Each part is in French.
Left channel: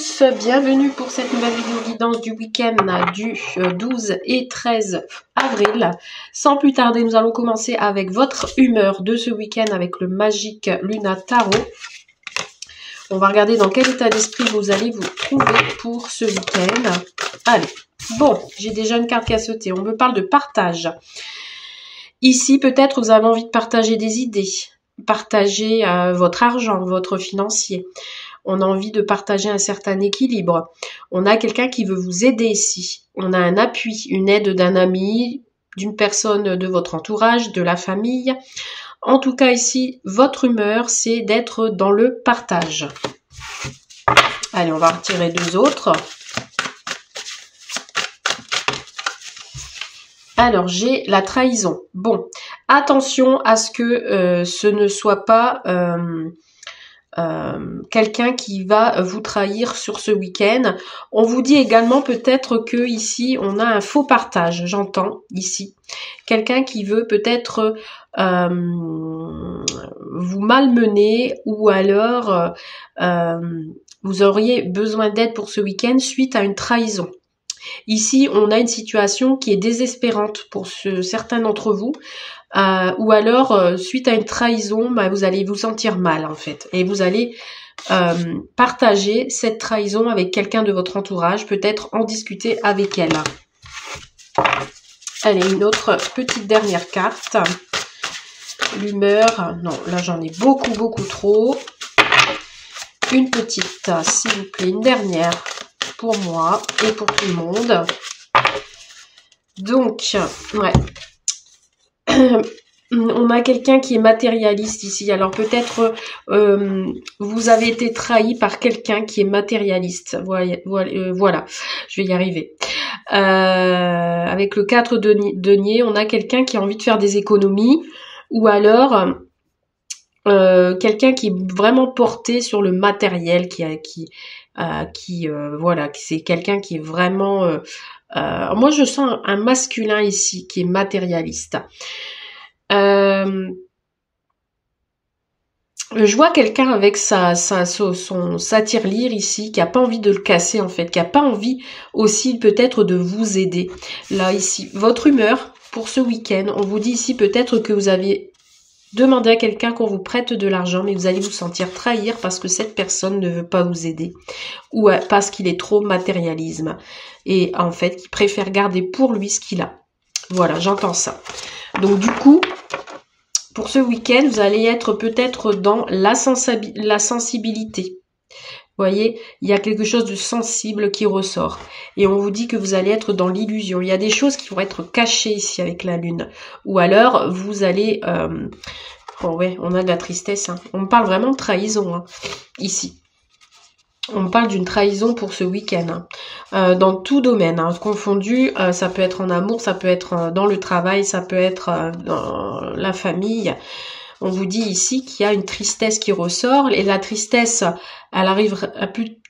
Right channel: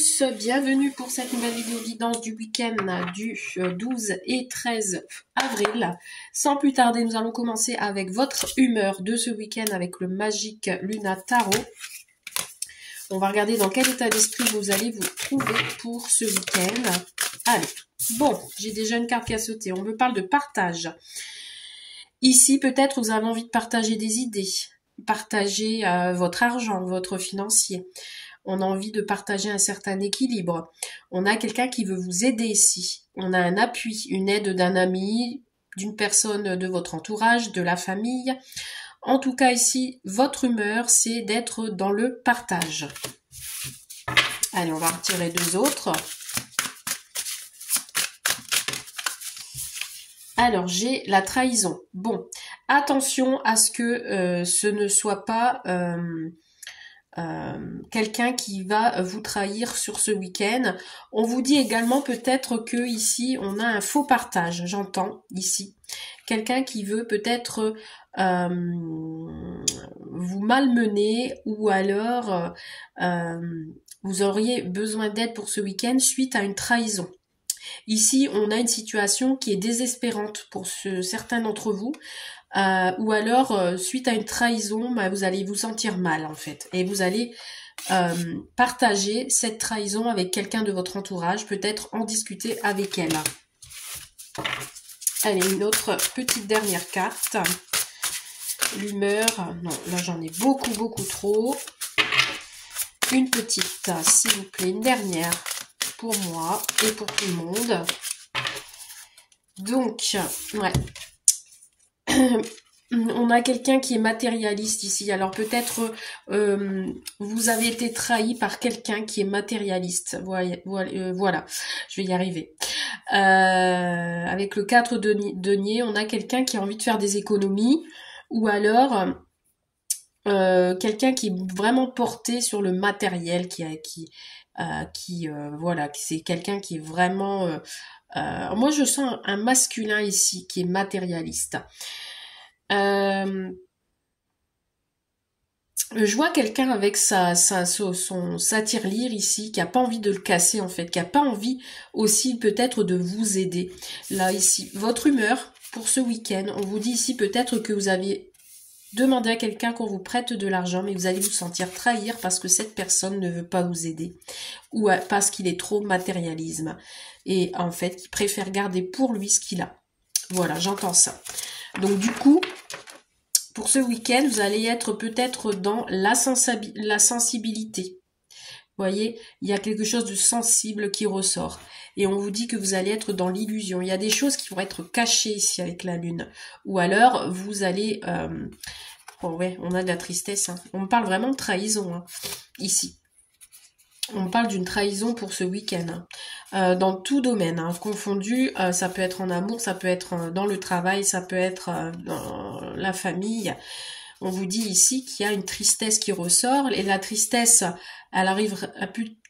tous, bienvenue pour cette nouvelle vidéo guidance du week-end du 12 et 13 avril. Sans plus tarder, nous allons commencer avec votre humeur de ce week-end avec le Magic Luna Tarot. On va regarder dans quel état d'esprit vous allez vous trouver pour ce week-end. Allez, bon, j'ai déjà une carte qui a sauté. On me parle de partage. Ici, peut-être vous avez envie de partager des idées, partager votre argent, votre financier. On a envie de partager un certain équilibre. On a quelqu'un qui veut vous aider ici. On a un appui, une aide d'un ami, d'une personne de votre entourage, de la famille. En tout cas ici, votre humeur, c'est d'être dans le partage. Allez, on va retirer deux autres. Alors, j'ai la trahison. Bon, attention à ce que ce ne soit pas quelqu'un qui va vous trahir sur ce week-end. On vous dit également peut-être que ici, on a un faux partage, j'entends ici. Quelqu'un qui veut peut-être vous malmener ou alors vous auriez besoin d'aide pour ce week-end suite à une trahison. Ici, on a une situation qui est désespérante pour certains d'entre vous. Ou alors, suite à une trahison, vous allez vous sentir mal en fait. Et vous allez partager cette trahison avec quelqu'un de votre entourage, peut-être en discuter avec elle. Allez, une autre petite dernière carte. L'humeur, non, là j'en ai beaucoup trop. Une petite, s'il vous plaît, une dernière pour moi et pour tout le monde. Donc, ouais. On a quelqu'un qui est matérialiste ici. Alors peut-être vous avez été trahi par quelqu'un qui est matérialiste. Voilà, je vais y arriver. Avec le 4 denier, on a quelqu'un qui a envie de faire des économies. Ou alors quelqu'un qui est vraiment porté sur le matériel, voilà, c'est quelqu'un qui est vraiment... moi je sens un masculin ici qui est matérialiste. Je vois quelqu'un avec sa tirelire ici, qui a pas envie de le casser en fait, qui a pas envie aussi peut-être de vous aider. Là ici, votre humeur pour ce week-end, on vous dit ici peut-être que vous avez demandé à quelqu'un qu'on vous prête de l'argent, mais vous allez vous sentir trahir parce que cette personne ne veut pas vous aider, ou parce qu'il est trop matérialisme, et en fait, qu'il préfère garder pour lui ce qu'il a. Voilà, j'entends ça. Donc du coup, pour ce week-end, vous allez être peut-être dans la sensibilité. Vous voyez, il y a quelque chose de sensible qui ressort. Et on vous dit que vous allez être dans l'illusion. Il y a des choses qui vont être cachées ici avec la lune. Ou alors, vous allez... Oh ouais, on a de la tristesse. Hein. On parle vraiment de trahison, hein, ici. On parle d'une trahison pour ce week-end, hein. Dans tout domaine, hein, confondu, ça peut être en amour, ça peut être dans le travail, ça peut être dans la famille. On vous dit ici qu'il y a une tristesse qui ressort, et la tristesse, elle arrive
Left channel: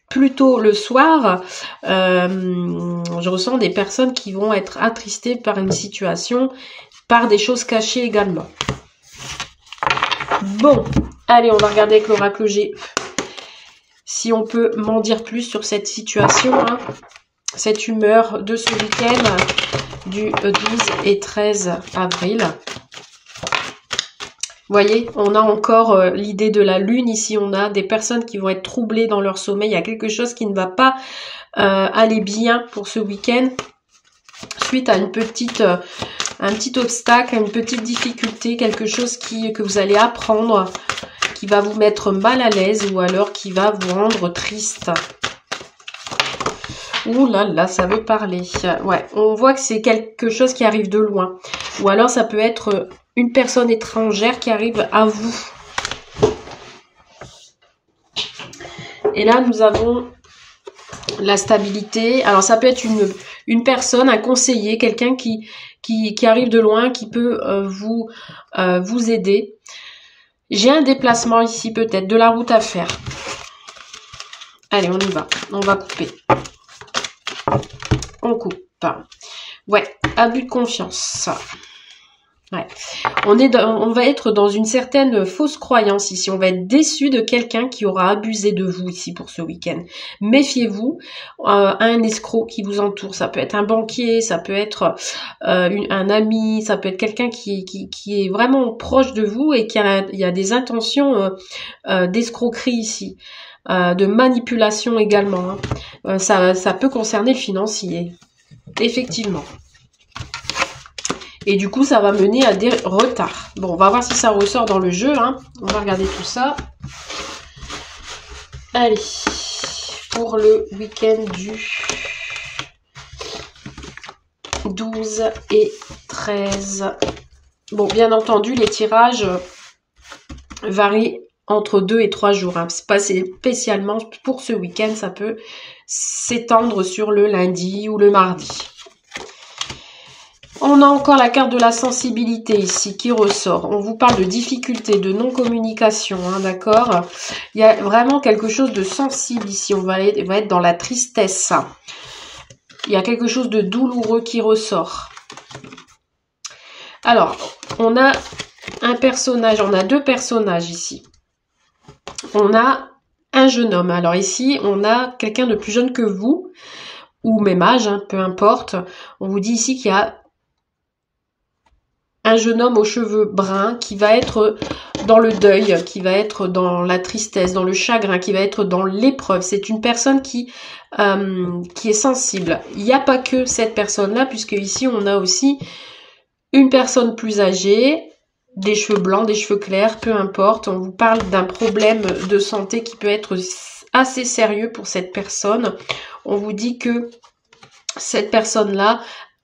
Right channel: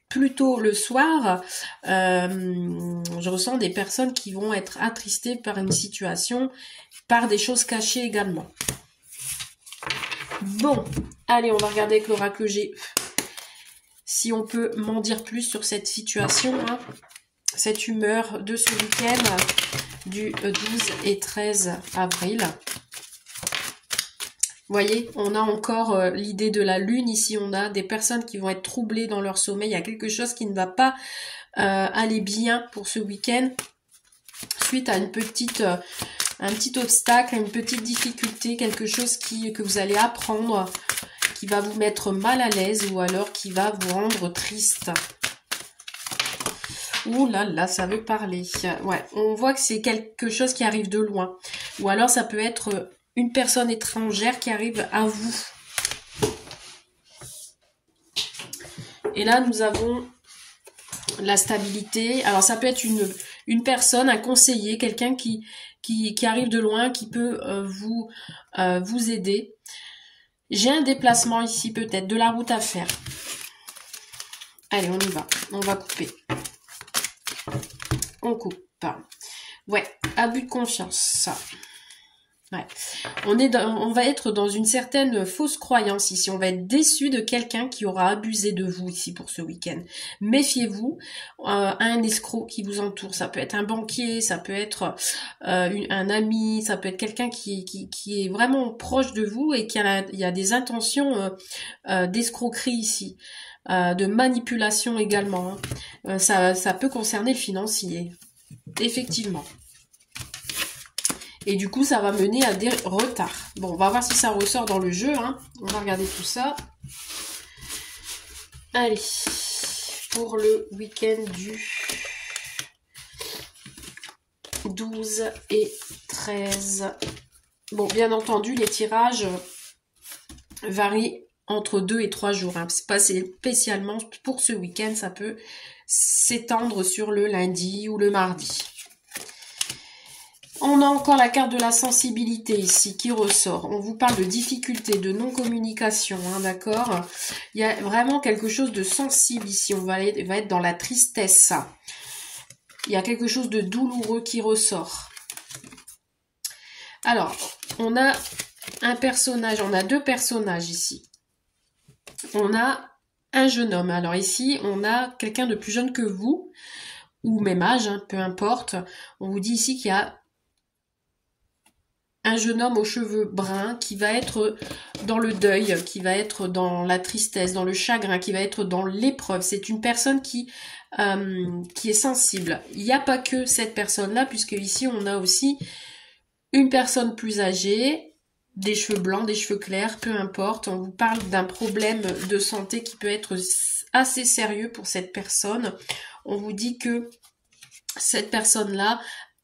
plutôt le soir. Je ressens des personnes qui vont être attristées par une situation, par des choses cachées également. Bon, allez, on va regarder avec l'oracle G. Si on peut m'en dire plus sur cette situation, hein, cette humeur de ce week-end du 12 et 13 avril. Vous voyez, on a encore l'idée de la lune ici. On a des personnes qui vont être troublées dans leur sommeil. Il y a quelque chose qui ne va pas aller bien pour ce week-end suite à un petit obstacle, une petite difficulté, quelque chose que vous allez apprendre, qui va vous mettre mal à l'aise ou alors qui va vous rendre triste. Ouh là là, ça veut parler. Ouais, on voit que c'est quelque chose qui arrive de loin. Ou alors ça peut être une personne étrangère qui arrive à vous. Et là, nous avons la stabilité. Alors ça peut être une personne, un conseiller, quelqu'un qui arrive de loin, qui peut vous aider. J'ai un déplacement ici peut-être, de la route à faire. Allez, on y va. On va couper. On coupe. Ouais, abus de confiance. Ouais. On va être dans une certaine fausse croyance ici. On va être déçu de quelqu'un qui aura abusé de vous ici pour ce week-end. Méfiez-vous à un escroc qui vous entoure. Ça peut être un banquier, ça peut être un ami, ça peut être quelqu'un qui est vraiment proche de vous et il y a des intentions d'escroquerie ici. De manipulation également. Hein. Ça peut concerner le financier. Effectivement. Et du coup, ça va mener à des retards. Bon, on va voir si ça ressort dans le jeu. Hein. On va regarder tout ça. Allez, pour le week-end du 12 et 13. Bon, bien entendu, les tirages varient entre 2 et 3 jours. Hein. C'est pas spécialement pour ce week-end. Ça peut s'étendre sur le lundi ou le mardi. On a encore la carte de la sensibilité ici qui ressort. On vous parle de difficultés, de non-communication, hein, d'accord? Il y a vraiment quelque chose de sensible ici. On va être dans la tristesse. Il y a quelque chose de douloureux qui ressort. Alors, on a un personnage, on a deux personnages ici. On a un jeune homme. Alors ici, on a quelqu'un de plus jeune que vous, ou même âge, hein, peu importe. On vous dit ici qu'il y a un jeune homme aux cheveux bruns qui va être dans le deuil, qui va être dans la tristesse, dans le chagrin, qui va être dans l'épreuve. C'est une personne qui est sensible. Il n'y a pas que cette personne-là, puisque ici on a aussi une personne plus âgée, des cheveux blancs, des cheveux clairs, peu importe. On vous parle d'un problème de santé qui peut être assez sérieux pour cette personne. On vous dit que cette personne-là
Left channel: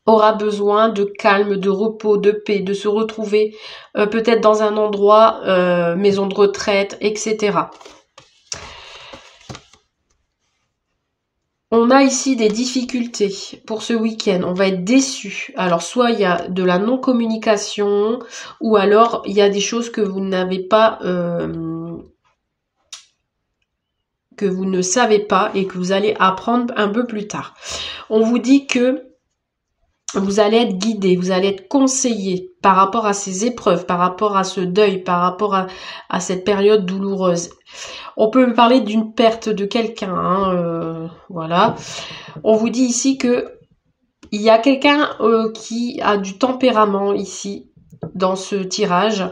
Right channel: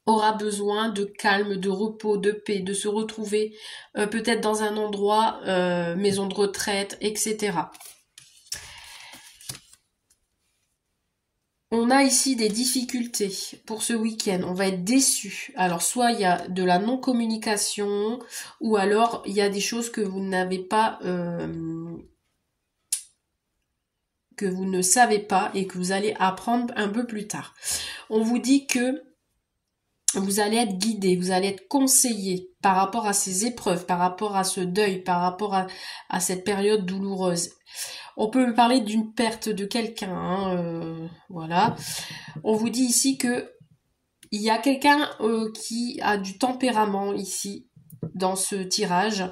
aura besoin de calme, de repos, de paix, de se retrouver peut-être dans un endroit, maison de retraite, etc. On a ici des difficultés pour ce week-end. On va être déçu. Alors, soit il y a de la non-communication, ou alors il y a des choses que vous n'avez pas, que vous ne savez pas et que vous allez apprendre un peu plus tard. On vous dit que vous allez être guidé, vous allez être conseillé par rapport à ces épreuves, par rapport à ce deuil, par rapport à cette période douloureuse. On peut parler d'une perte de quelqu'un, hein, voilà. On vous dit ici que il y a quelqu'un qui a du tempérament ici, dans ce tirage,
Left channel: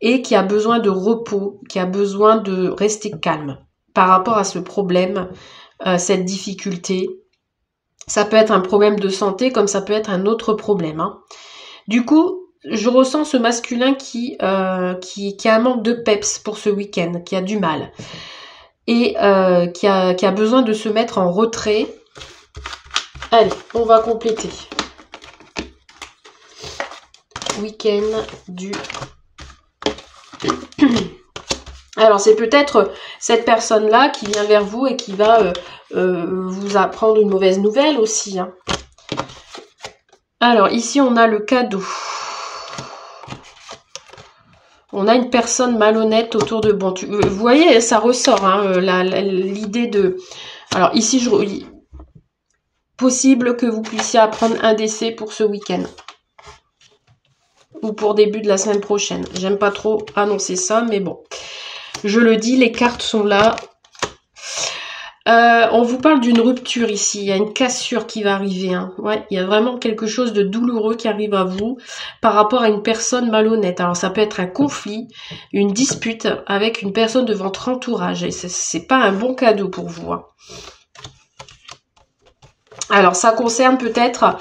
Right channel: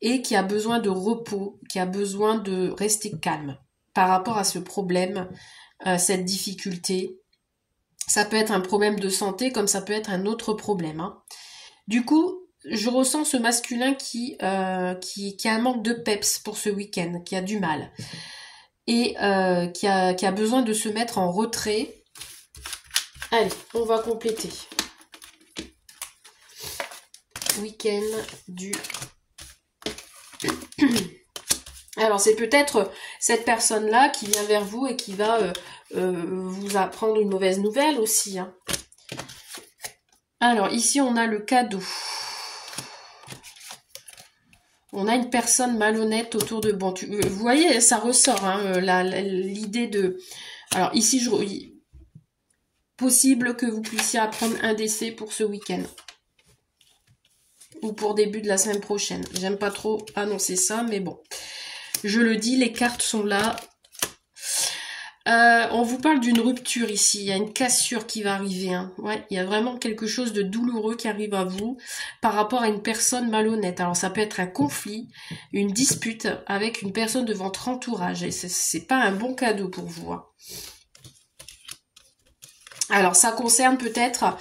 et qui a besoin de repos, qui a besoin de rester calme par rapport à ce problème, cette difficulté. Ça peut être un problème de santé comme ça peut être un autre problème. Hein. Du coup, je ressens ce masculin qui a un manque de peps pour ce week-end, qui a du mal. Et qui a besoin de se mettre en retrait. Allez, on va compléter. Week-end du... Alors, c'est peut-être cette personne-là qui vient vers vous et qui va vous apprendre une mauvaise nouvelle aussi. Hein. Alors, ici, on a le cadeau. On a une personne malhonnête autour de... Bon, vous voyez, ça ressort, hein, l'idée de... Alors, ici, possible que vous puissiez apprendre un décès pour ce week-end. Ou pour début de la semaine prochaine. J'aime pas trop annoncer ça, mais bon. Je le dis, les cartes sont là. On vous parle d'une rupture ici. Il y a une cassure qui va arriver. Hein. Ouais, il y a vraiment quelque chose de douloureux qui arrive à vous par rapport à une personne malhonnête. Alors, ça peut être un conflit, une dispute avec une personne de votre entourage. Et c'est pas un bon cadeau pour vous. Hein. Alors, ça concerne peut-être...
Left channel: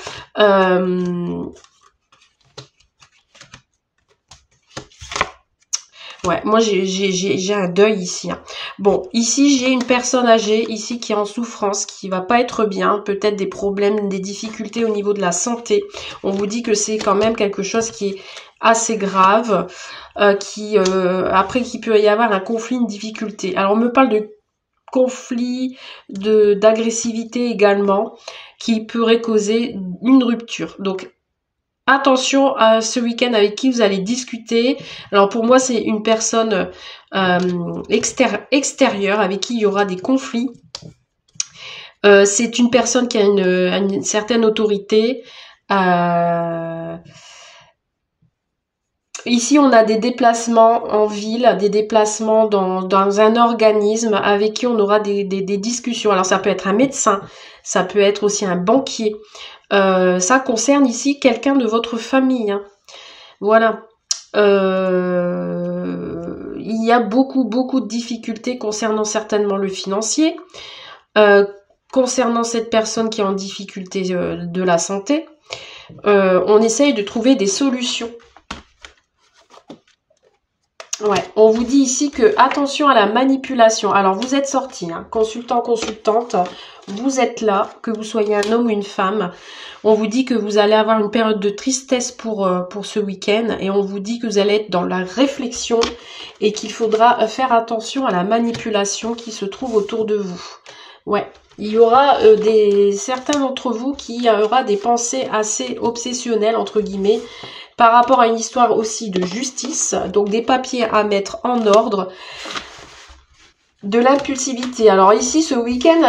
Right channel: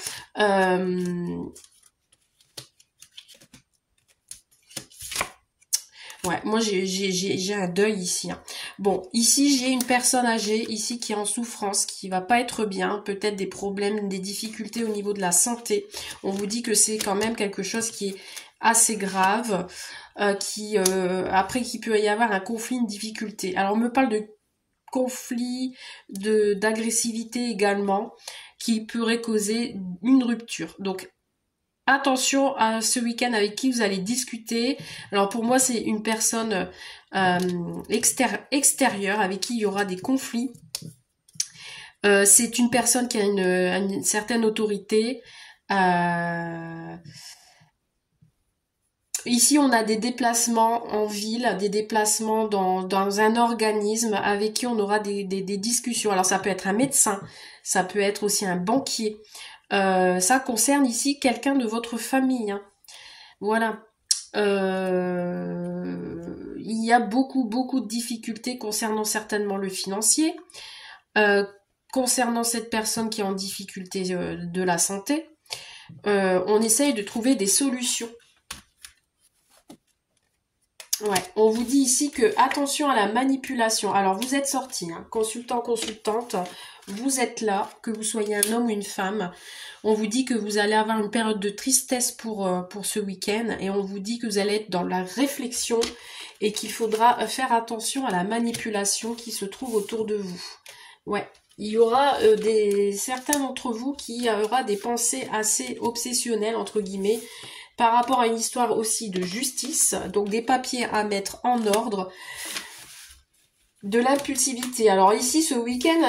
Ouais, moi j'ai un deuil ici. Hein. Bon, ici j'ai une personne âgée ici qui est en souffrance, qui va pas être bien, peut-être des problèmes, des difficultés au niveau de la santé. On vous dit que c'est quand même quelque chose qui est assez grave, après qu'il peut y avoir un conflit, une difficulté. Alors on me parle de conflit, d'agressivité également, qui pourrait causer une rupture. Donc attention à ce week-end avec qui vous allez discuter. Alors pour moi, c'est une personne extérieure avec qui il y aura des conflits. C'est une personne qui a une certaine autorité. Ici, on a des déplacements en ville, des déplacements dans un organisme avec qui on aura des discussions. Alors, ça peut être un médecin, ça peut être aussi un banquier. Ça concerne ici quelqu'un de votre famille. Hein. Voilà. Il y a beaucoup de difficultés concernant certainement le financier, concernant cette personne qui est en difficulté de la santé. On essaye de trouver des solutions. Ouais, on vous dit ici que attention à la manipulation. Alors vous êtes sorti, hein, consultant, consultante, vous êtes là, que vous soyez un homme ou une femme. On vous dit que vous allez avoir une période de tristesse pour ce week-end et on vous dit que vous allez être dans la réflexion et qu'il faudra faire attention à la manipulation qui se trouve autour de vous. Ouais, il y aura certains d'entre vous qui aura des pensées assez obsessionnelles, entre guillemets, par rapport à une histoire aussi de justice, donc des papiers à mettre en ordre, de l'impulsivité. Alors ici, ce week-end,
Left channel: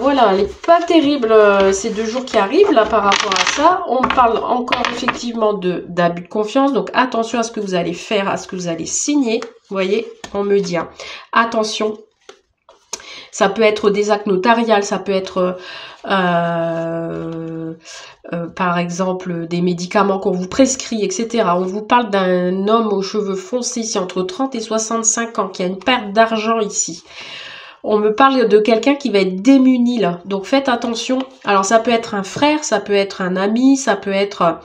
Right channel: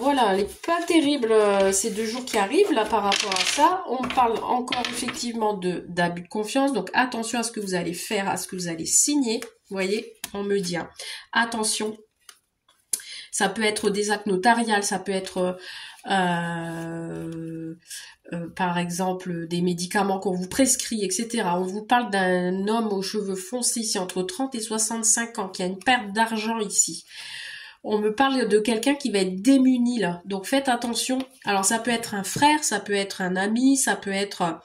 voilà, elle n'est pas terrible ces 2 jours qui arrivent là par rapport à ça. On parle encore effectivement d'abus de confiance, donc attention à ce que vous allez faire, à ce que vous allez signer. Vous voyez, on me dit, hein, attention. Ça peut être des actes notariales, ça peut être par exemple des médicaments qu'on vous prescrit, etc. On vous parle d'un homme aux cheveux foncés ici entre 30 et 65 ans qui a une perte d'argent ici. On me parle de quelqu'un qui va être démuni là. Donc faites attention. Alors ça peut être un frère, ça peut être un ami, ça peut être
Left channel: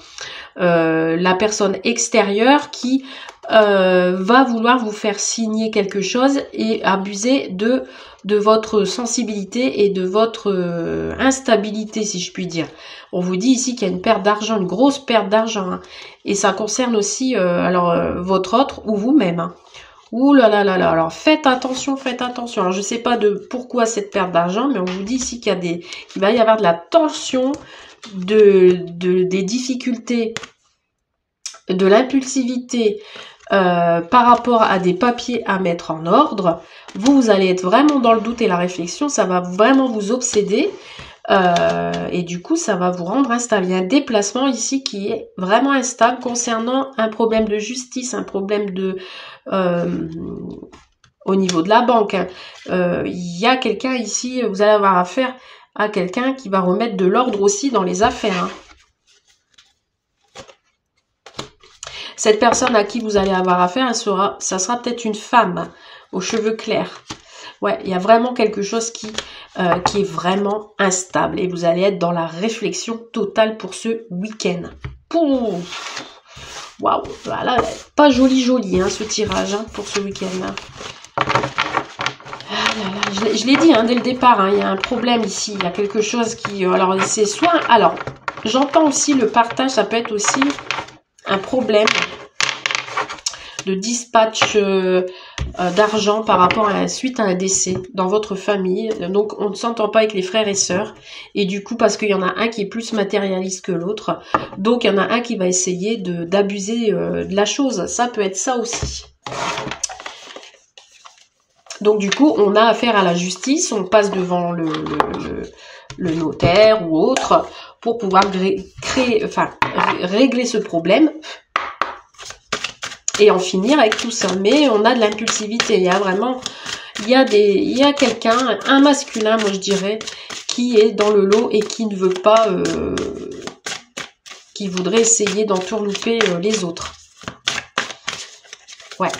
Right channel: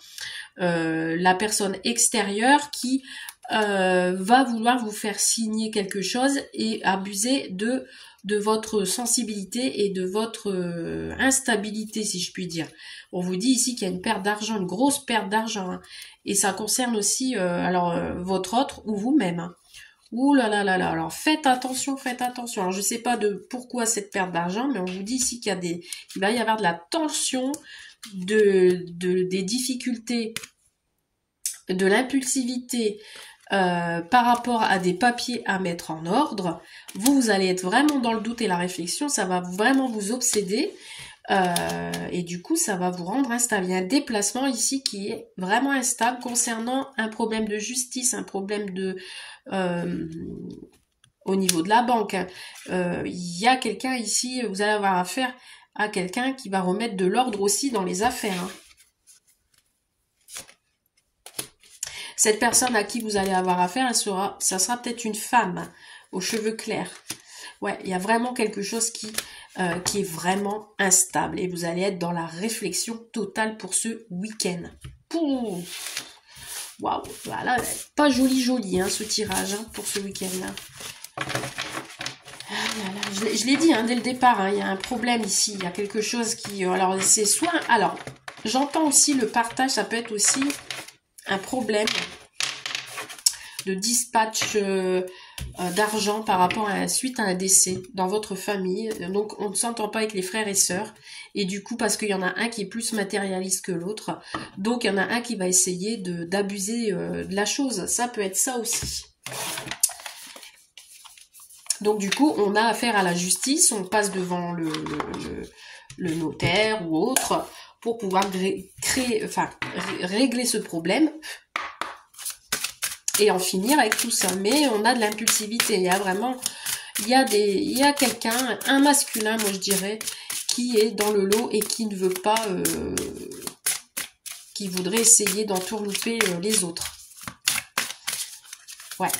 la personne extérieure qui va vouloir vous faire signer quelque chose et abuser de votre sensibilité et de votre instabilité, si je puis dire. On vous dit ici qu'il y a une perte d'argent, une grosse perte d'argent. Hein. Et ça concerne aussi votre autre ou vous-même. Hein. Ouh là là là là. Alors faites attention, faites attention. Alors je sais pas de pourquoi cette perte d'argent, mais on vous dit ici qu'il va y avoir de la tension, des difficultés, de l'impulsivité, par rapport à des papiers à mettre en ordre. Vous allez être vraiment dans le doute et la réflexion, ça va vraiment vous obséder et du coup ça va vous rendre instable. Il y a un déplacement ici qui est vraiment instable concernant un problème de justice, un problème au niveau de la banque. Hein. Il y a quelqu'un ici, vous allez avoir affaire à quelqu'un qui va remettre de l'ordre aussi dans les affaires. Hein. Cette personne à qui vous allez avoir affaire, ça sera peut-être une femme aux cheveux clairs. Ouais, il y a vraiment quelque chose qui est vraiment instable. Et vous allez être dans la réflexion totale pour ce week-end. Waouh, voilà, pas joli hein, ce tirage hein, pour ce week-end. Hein. Je l'ai dit hein, dès le départ, hein, il y a un problème ici. Il y a quelque chose qui... alors, c'est soit... Alors, j'entends aussi le partage, ça peut être aussi... un problème de dispatch d'argent par rapport suite à un décès dans votre famille. Donc, on ne s'entend pas avec les frères et sœurs. Et du coup, parce qu'il y en a un qui est plus matérialiste que l'autre. Donc, il y en a un qui va essayer d'abuser de la chose. Ça peut être ça aussi. Donc, du coup, on a affaire à la justice. On passe devant le notaire ou autre pour pouvoir régler ce problème et en finir avec tout ça. Mais on a de l'impulsivité. Il y a vraiment, il y a quelqu'un, un masculin, moi je dirais, qui est dans le lot et qui ne veut pas, qui voudrait essayer d'entourlouper les autres. Ouais.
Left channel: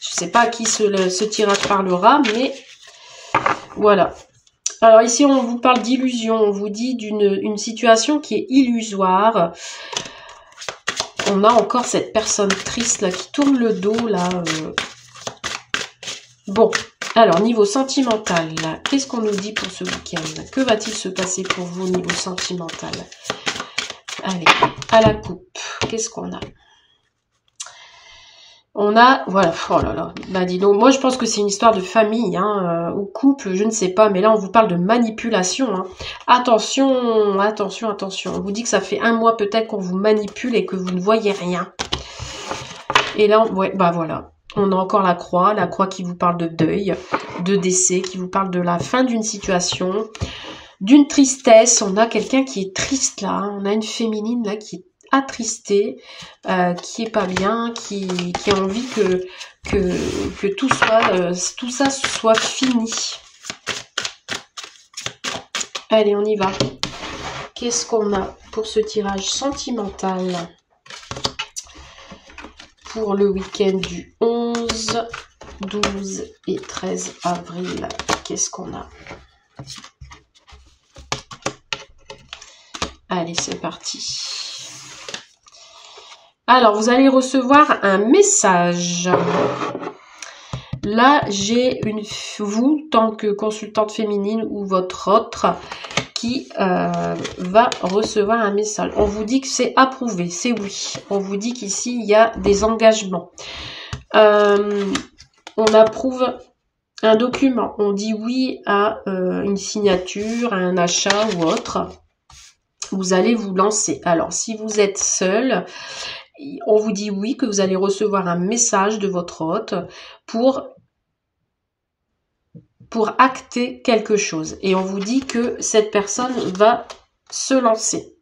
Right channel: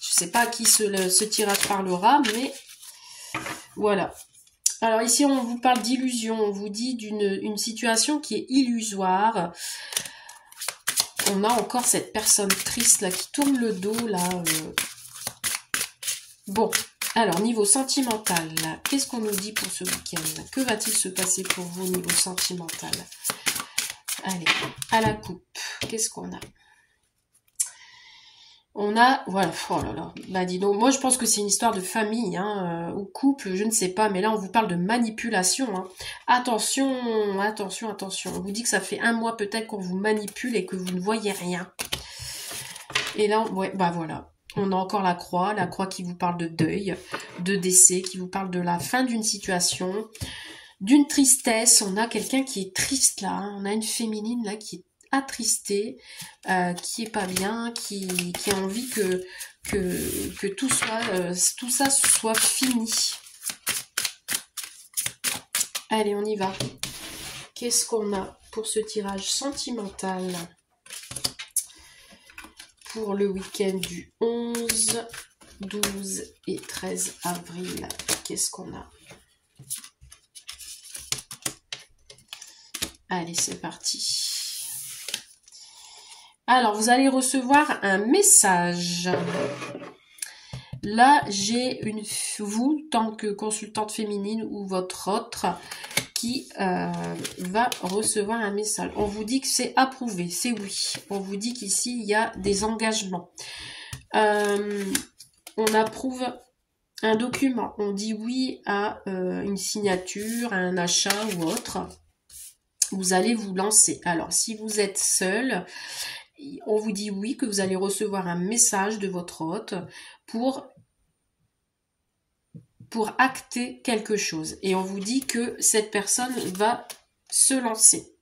Je sais pas à qui ce tirage parlera, mais voilà. Alors ici, on vous parle d'illusion, on vous dit d'une situation qui est illusoire. On a encore cette personne triste là qui tourne le dos là. Bon, alors niveau sentimental, qu'est-ce qu'on nous dit pour ce week-end? Que va-t-il se passer pour vous au niveau sentimental? Allez, à la coupe, qu'est-ce qu'on a? On a, voilà, oh là là, bah dis donc, moi je pense que c'est une histoire de famille, hein, ou couple, je ne sais pas, mais là on vous parle de manipulation, hein. Attention, attention, attention, on vous dit que ça fait un mois peut-être qu'on vous manipule et que vous ne voyez rien. Et là, ouais, bah voilà, on a encore la croix qui vous parle de deuil, de décès, qui vous parle de la fin d'une situation, d'une tristesse, on a quelqu'un qui est triste là, hein. On a une féminine là qui est attristé, qui est pas bien, qui a envie que tout ça soit fini. Allez, on y va. Qu'est-ce qu'on a pour ce tirage sentimental pour le week-end du 11, 12 et 13 avril? Qu'est-ce qu'on a? Allez, c'est parti. Alors, vous allez recevoir un message. Là, j'ai vous, tant que consultante féminine ou votre autre, qui va recevoir un message. On vous dit que c'est approuvé, c'est oui. On vous dit qu'ici, il y a des engagements. On approuve un document. On dit oui à une signature, à un achat ou autre. Vous allez vous lancer. Alors, si vous êtes seul, on vous dit oui, que vous allez recevoir un message de votre hôte pour acter quelque chose. Et on vous dit que cette personne va se lancer.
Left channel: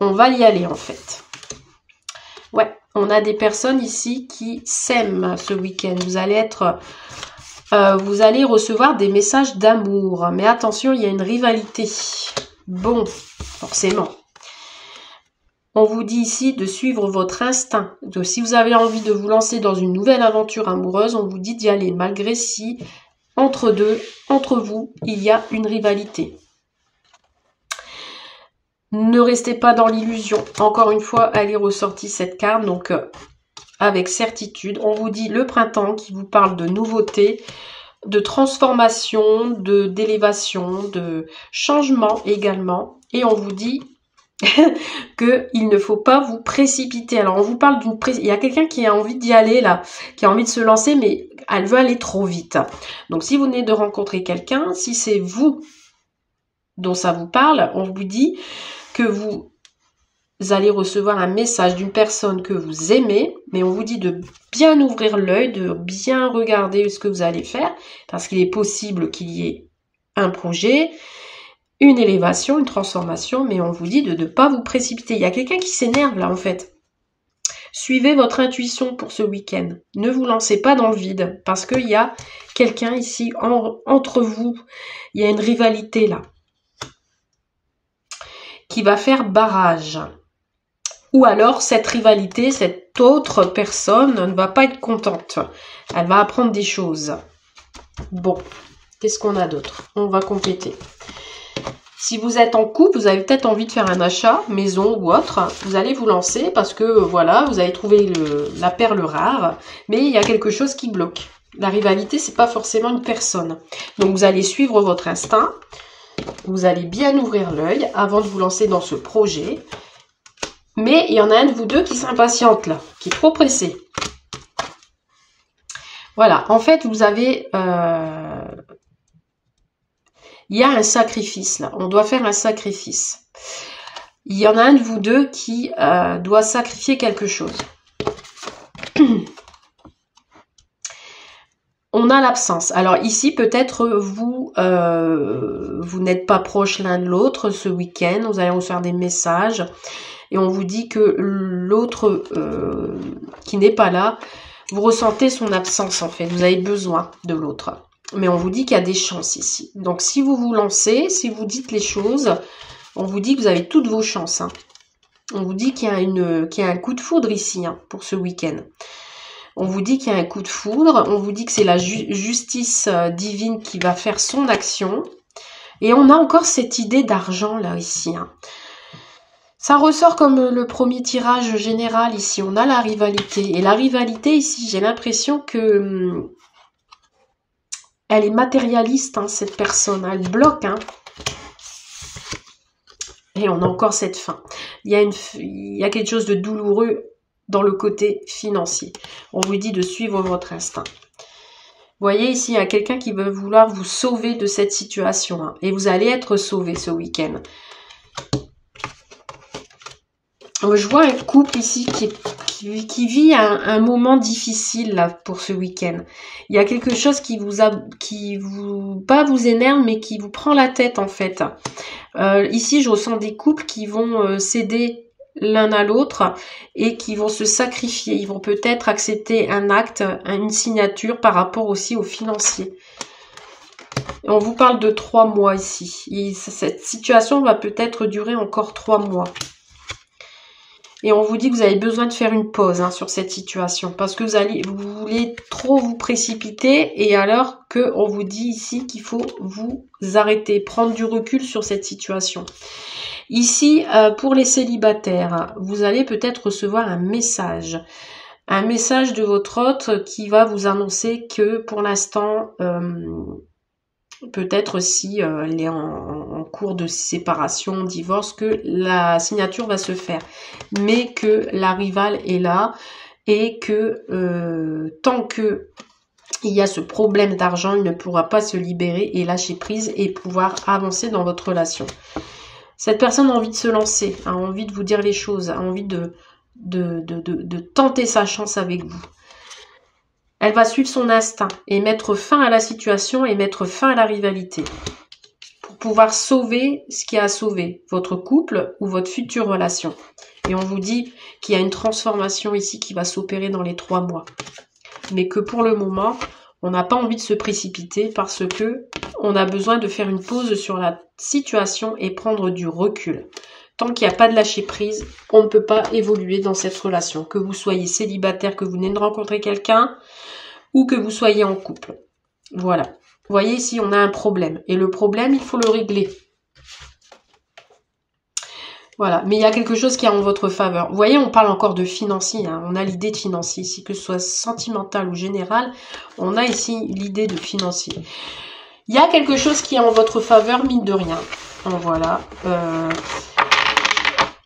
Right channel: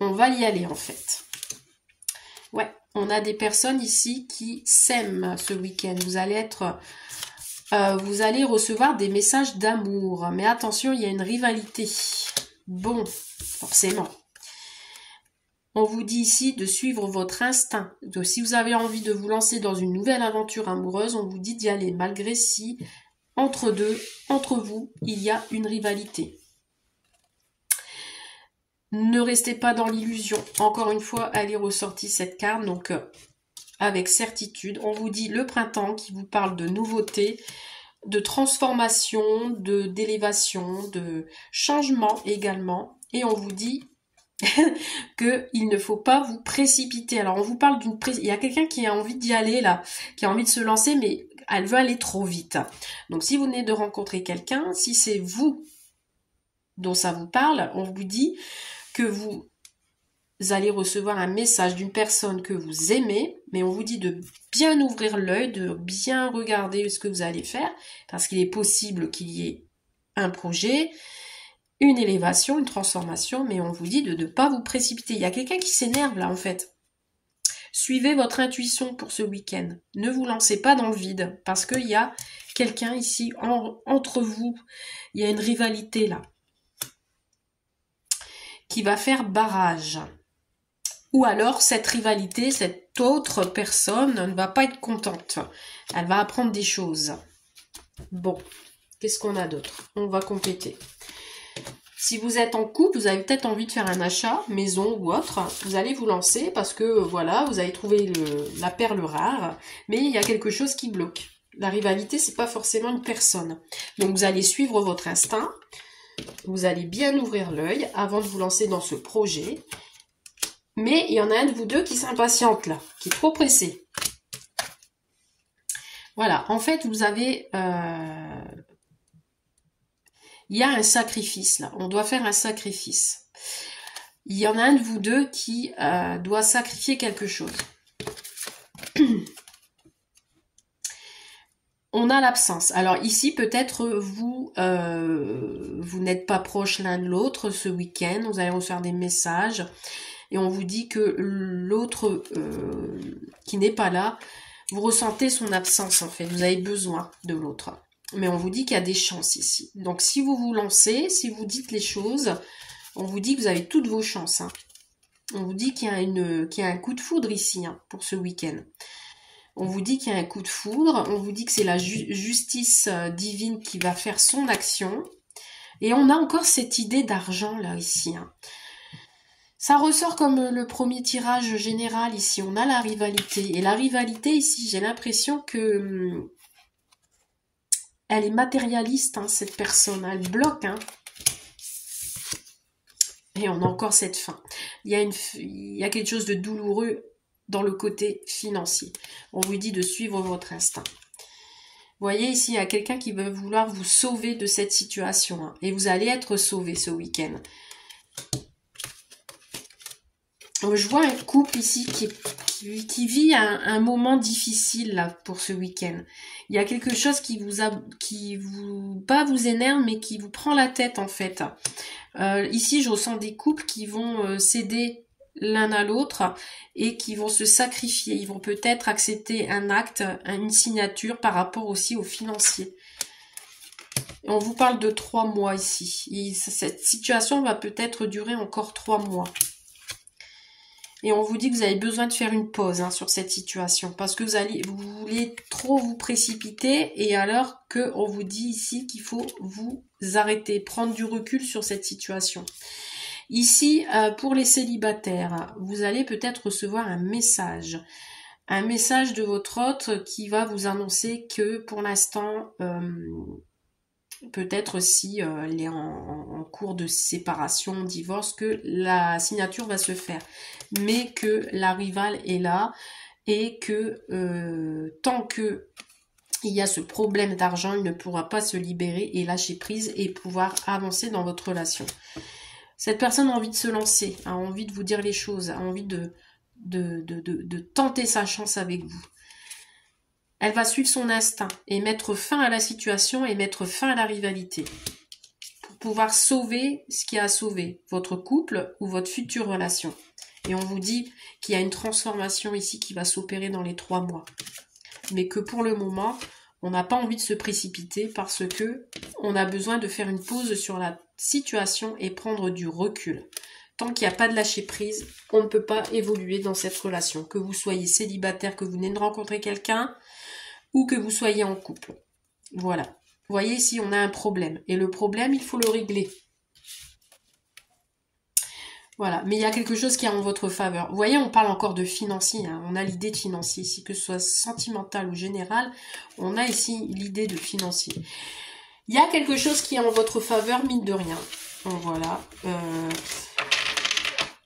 On va y aller en fait. Ouais, on a des personnes ici qui s'aiment ce week-end. Vous allez recevoir des messages d'amour. Mais attention, il y a une rivalité. Bon, forcément. On vous dit ici de suivre votre instinct. Donc, si vous avez envie de vous lancer dans une nouvelle aventure amoureuse, on vous dit d'y aller, malgré si entre vous, il y a une rivalité. Ne restez pas dans l'illusion. Encore une fois, elle est ressortie cette carte, donc avec certitude. On vous dit le printemps qui vous parle de nouveautés, de transformation, d'élévation, de changement également. Et on vous dit qu'il ne faut pas vous précipiter. Alors on vous parle il y a quelqu'un qui a envie d'y aller là, qui a envie de se lancer, mais elle veut aller trop vite. Donc si vous venez de rencontrer quelqu'un, si c'est vous dont ça vous parle, on vous dit que vous allez recevoir un message d'une personne que vous aimez, mais on vous dit de bien ouvrir l'œil, de bien regarder ce que vous allez faire, parce qu'il est possible qu'il y ait un projet, une élévation, une transformation, mais on vous dit de ne pas vous précipiter. Il y a quelqu'un qui s'énerve là en fait. Suivez votre intuition pour ce week-end. Ne vous lancez pas dans le vide, parce qu'il y a quelqu'un ici entre vous. Il y a une rivalité là, qui va faire barrage. Ou alors cette rivalité, cette autre personne ne va pas être contente. Elle va apprendre des choses. Bon, qu'est-ce qu'on a d'autre? On va compléter. Si vous êtes en couple, vous avez peut-être envie de faire un achat, maison ou autre. Vous allez vous lancer parce que voilà, vous avez trouvé la perle rare, mais il y a quelque chose qui bloque. La rivalité, c'est pas forcément une personne. Donc vous allez suivre votre instinct. Vous allez bien ouvrir l'œil avant de vous lancer dans ce projet. Mais il y en a un de vous deux qui s'impatiente là, qui est trop pressé. Voilà, en fait, vous avez... il y a un sacrifice là, on doit faire un sacrifice. Il y en a un de vous deux qui doit sacrifier quelque chose. On a l'absence. Alors ici, peut-être vous n'êtes pas proches l'un de l'autre ce week-end. Vous allez recevoir des messages et on vous dit que l'autre qui n'est pas là, vous ressentez son absence en fait. Vous avez besoin de l'autre. Mais on vous dit qu'il y a des chances ici. Donc si vous vous lancez, si vous dites les choses, on vous dit que vous avez toutes vos chances. Hein. On vous dit qu'il y a un coup de foudre ici hein, pour ce week-end. On vous dit qu'il y a un coup de foudre. On vous dit que c'est la justice divine qui va faire son action. Et on a encore cette idée d'argent là ici. Hein. Ça ressort comme le premier tirage général ici. On a la rivalité. Et la rivalité ici, j'ai l'impression que... elle est matérialiste, hein, cette personne. Elle bloque. Hein. Et on a encore cette fin. Il y a quelque chose de douloureux dans le côté financier. On vous dit de suivre votre instinct. Vous voyez ici, il y a quelqu'un qui veut vouloir vous sauver de cette situation. Hein, et vous allez être sauvé ce week-end. Je vois un couple ici qui vit un moment difficile là pour ce week-end. Il y a quelque chose qui pas vous énerve, mais qui vous prend la tête en fait. Ici, je ressens des couples qui vont céder l'un à l'autre et qui vont se sacrifier. Ils vont peut-être accepter un acte, une signature par rapport aussi aux financiers. Et on vous parle de 3 mois ici. Et cette situation va peut-être durer encore 3 mois. Et on vous dit que vous avez besoin de faire une pause sur cette situation. Parce que vous voulez trop vous précipiter. Et alors qu'on vous dit ici qu'il faut vous arrêter. Prendre du recul sur cette situation. Ici, pour les célibataires, vous allez peut-être recevoir un message de votre hôte qui va vous annoncer que pour l'instant, peut-être si elle est en cours de séparation, divorce, que la signature va se faire. Mais que la rivale est là et que tant que il y a ce problème d'argent, il ne pourra pas se libérer et lâcher prise et pouvoir avancer dans votre relation. Cette personne a envie de se lancer, a envie de vous dire les choses, a envie de tenter sa chance avec vous. Elle va suivre son instinct et mettre fin à la situation et mettre fin à la rivalité. Pour pouvoir sauver ce qui a à sauver, votre couple ou votre future relation. Et on vous dit qu'il y a une transformation ici qui va s'opérer dans les 3 mois. Mais que pour le moment, on n'a pas envie de se précipiter parce que on a besoin de faire une pause sur la situation et prendre du recul. Tant qu'il n'y a pas de lâcher prise, on ne peut pas évoluer dans cette relation. Que vous soyez célibataire, que vous venez de rencontrer quelqu'un ou que vous soyez en couple. Voilà. Vous voyez ici, on a un problème. Et le problème, il faut le régler. Voilà. Mais il y a quelque chose qui est en votre faveur. Vous voyez, on parle encore de financier. On a l'idée de financier ici, que ce soit sentimental ou général. On a ici l'idée de financier. Il y a quelque chose qui est en votre faveur, mine de rien. Voilà.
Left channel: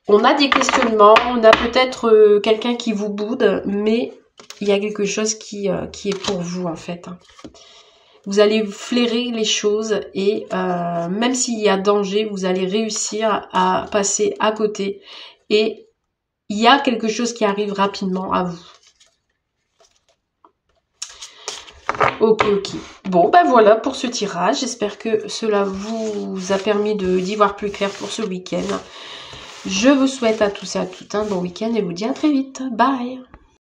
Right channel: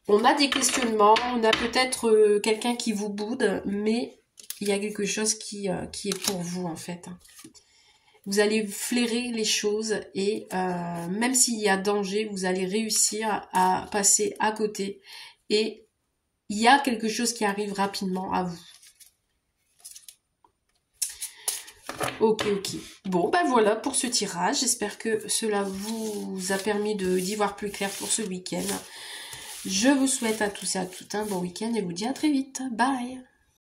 On a des questionnements. On a peut-être quelqu'un qui vous boude. Mais il y a quelque chose qui est pour vous, en fait. Vous allez flairer les choses et même s'il y a danger, vous allez réussir à passer à côté. Et il y a quelque chose qui arrive rapidement à vous. Ok. Bon, ben voilà pour ce tirage. J'espère que cela vous a permis d'y voir plus clair pour ce week-end. Je vous souhaite à tous et à toutes un bon week-end et vous dis à très vite. Bye!